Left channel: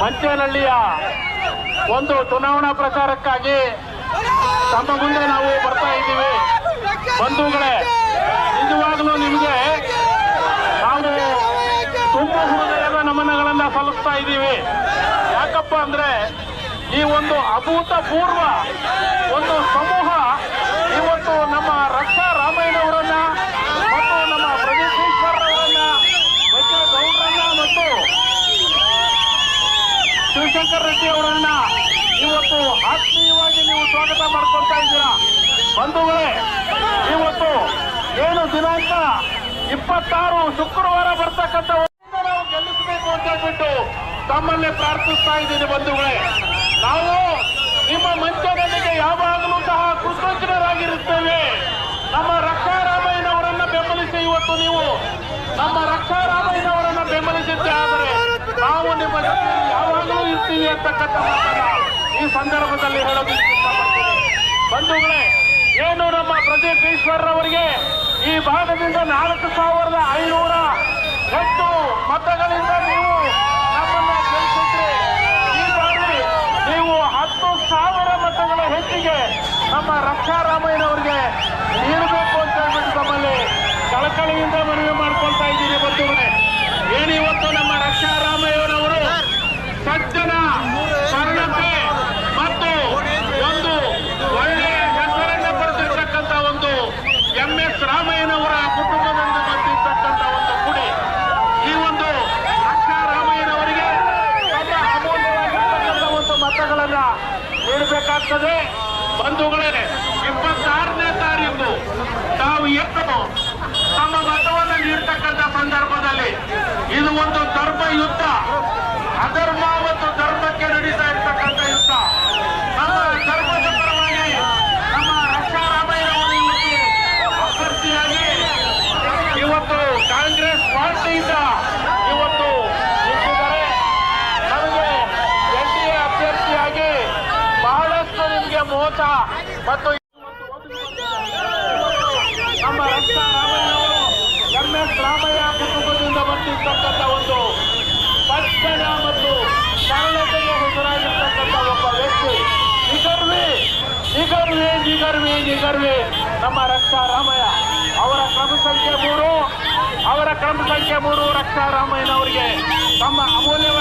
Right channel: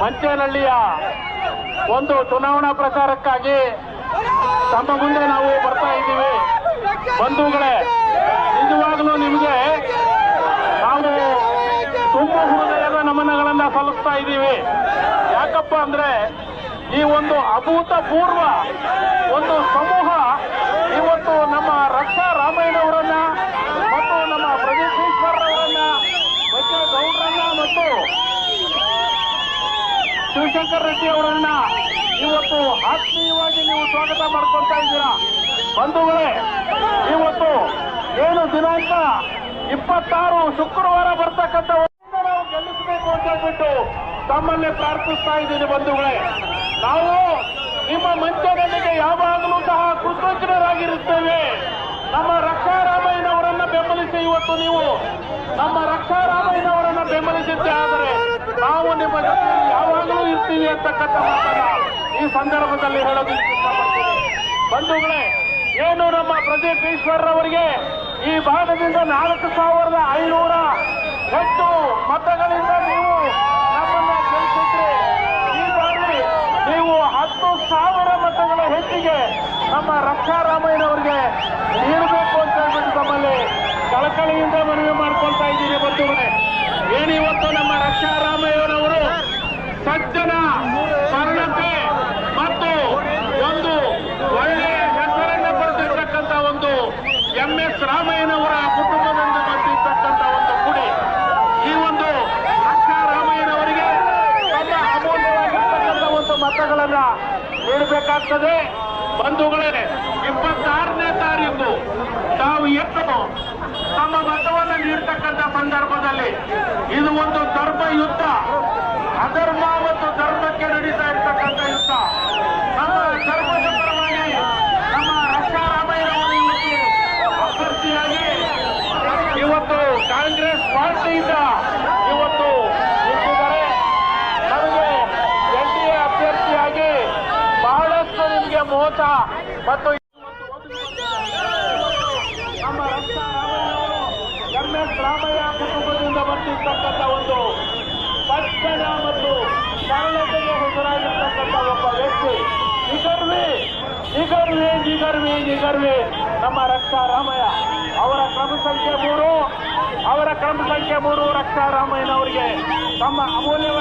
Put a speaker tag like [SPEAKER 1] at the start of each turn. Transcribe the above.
[SPEAKER 1] ಮಂಚೇನಹಳ್ಳಿಯ ಒಂದು ಚುನಾವಣಾ ಪ್ರಚಾರಕ್ಕಾಗಿ ತಮ್ಮ ಮುಂದೆ ನಾವು ಬರ್ತಾ ಇದ್ದೀವಿ. ಬಂಧುಗಳೇ, ನಿಜವಾಗಲೂ ನಿಮಗೆ ನಾವು ತುಂಬ ಹೃದಯದ ನಮನಗಳನ್ನ ಸಲ್ಲಿಸ್ತಾ ಇದ್ದೀವಿ. ಯಾಕಪ್ಪ ಅಂದ್ರೆ ಈ ಒಂದು ಅಭೂತಪೂರ್ವ ಒಂದು ಸಮೂಹ ಇವತ್ತು ನಮ್ಮ ರಕ್ಷಾ ರಾಮಯ್ಯನವರನ್ನ ಮತ್ತು ನಮ್ಮ ಪ್ರದೀಪ್ ಈಶ್ವರ್ ಅವರನ್ನ ಬಚ್ಚೇಗೌಡರನ್ನ ಮತ್ತು ಶಿವಶಂಕರ್ ರೆಡ್ಡಿ ಅವರನ್ನ ಇವತ್ತು ಆತ್ಮೀಯವಾಗಿ ನೀವು ಸ್ವಾಗತ ಮಾಡ್ಕೊಳ್ತಾ ಇದ್ದೀರಾ? ಬಂಧುಗಳೇ, ಇವತ್ತು ಏನು ದಿನಾಂಕ? ಇಪ್ಪತ್ತಾರು ಶುಕ್ರವಾರ ಬರ್ತಕ್ಕಂಥ ನಾವು ಗೆಲ್ಲಿಸಬೇಕು ಅಂತ ಹೇಳ್ಬಿಟ್ಟು ತಮ್ಮಲ್ಲಿ ಪ್ರಾರ್ಥಿಸ್ತಾ ಇದ್ದೀನಿ ಬಂಧುಗಳೇ. ನಾವು ನಿಮ್ಮ ಮಂಚದಲ್ಲಿಗೆ ಯಾವಾಗಲೂ ಸಹ ಕೃತಜ್ಞರಾಗಿರುತ್ತೇವೆ. ನಮ್ಮ ರಕ್ಷಾ ರಾಮಯ್ಯನವರನ್ನ ಬೆಂಬಲಿಸಿ ಇವತ್ತು ನೀವು ನಮ್ಮ ರಕ್ಷಾ ರಾಮಯ್ಯನವರನ್ನ ಬೆಂಬಲಿಸಿದ್ದೆ ಆದರೆ ನಾವು ನಿಮ್ಮ ಇರ್ತೀವಿ ಅಂತಕ್ಕಂಥ ಈ ಸಂದರ್ಭದಲ್ಲಿ ಇಷ್ಟಪಡ್ತೀನಿ. ಬಂಧುಗಳೇ, ಏನು ನಮ್ಮ ಪ್ರದೀಪ್ ಈಶ್ವರ್ರವರಿಗೆ ಈ ಭಾಗದಿಂದ ನಾಲ್ಕು ಸಾವಿರದ ಐನೂರ ಹೆಚ್ಚು ಮತಗಳಿಂದ ನೀವು ನಮ್ಮನ್ನ ಗೆಲ್ಲಿಸಿದ್ರಿ ಈ ಬಾರಿ ನೀವು ಹತ್ತು ಸಾವಿರ ಮತಗಳ ಹೆಚ್ಚಿಗೆ ನಮ್ಮ ರಕ್ಷಾರಾಮಯ್ಯನವರಿಗೆ ನೀಡಬೇಕು ಅಂತ ಹೇಳ್ಬಿಟ್ಟು ತಮ್ಮಲ್ಲಿ ಕಳಕಳಿಯಿಂದ ಮನವಿ ಮಾಡ್ಕೊಳ್ತಾ ಇದ್ದೀನಿ ಬಂಧುಗಳೇ. ಏನಿವತ್ತು ನಮ್ಮ ರಕ್ಷಾ ರಾಮಯ್ಯನವರು ಸಜ್ಜನ ಸರಳತೆ ಮತ್ತು ಒಂದು ಒಳ್ಳೆಯ ಹೆಸರನ್ನ ಪಡೆದಿರ್ತಕ್ಕಂಥ ಒಂದು ಎಂ ಎಸ್ ರಾಮಯ್ಯನವರ ಕುಟುಂಬದಿಂದ ಬಂದಿರ್ತಕ್ಕಂಥ ಒಂದು ಗುಡಿ ಈ ಒಂದು ರಕ್ಷಾ ರಾಮಯ್ಯನವರಿಗೆ ತಮ್ಮ ಅಮೂಲ್ಯವಾಗಿರ್ತಕ್ಕಂಥ ಒಂದು ಮತಗಳನ್ನ ನೀಡಬೇಕಾಗ್ತದೆ ಬಂಧುಗಳೇ, ಇಪ್ಪತ್ತಾರನೇ ತಾರೀಕು ತಾವು ಎತ್ತು ತಮ್ಮ ಮತವನ್ನು ನೀಡ್ತಕ್ಕಂಥ ಸಂದರ್ಭದಲ್ಲಿ ಇದು ಒಂದು ಧರ್ಮ ಯುದ್ಧ. ಅಧರ್ಮ ಮತ್ತು ಧರ್ಮಕ್ಕೆ ನಡೀತಾ ಇರ್ತಕ್ಕಂಥ ಯುದ್ಧ. ನಮ್ಮ ಧರ್ಮದ ಪರವಾಗಿ ನಮ್ಮ ರಕ್ಷಾ ಇವತ್ತು ಅಭ್ಯರ್ಥಿಯಾಗಿ ಇವತ್ತು ಕಾಂಗ್ರೆಸ್ ಪಾರ್ಟಿಯಿಂದ ಇವತ್ತು ಮೋಸ ಮತ್ತು ನಮ್ಮ ರಕ್ಷಾ ರಾಮಯ್ಯನವರು ಎಂ ಎಸ್ ರಾಮಯ್ಯ ಕುಟುಂಬದಿಂದ ಬಂದಿರ್ತಕ್ಕಂಥ ಒಂದು ಪಕ್ಷದ ಮತ್ತು ಸರಳತೆಗೆ ಹೆಸರಾಗಿರ್ತಕ್ಕಂಥ ಒಬ್ಬ ವ್ಯಕ್ತಿ. ನಿಗರ್ವಿ ನಿಗರ್ವಿ ನಿಗರ್ವಿ ನಿಗರ್ವಿ ನಮ್ಮ ರಕ್ಷಾ ರಾಮಯ್ಯ. ಅವರ ಕ್ರಮ ಸಂಖ್ಯೆ ಮೂರು. ಅವರ ಕ್ರಮ ಸಂಖ್ಯೆ ಮೂರು ರಕ್ಷಾ ರಾಮಯ್ಯನವರಿಗೆ ತಮ್ಮ ಅಮೂಲ್ಯವಾದ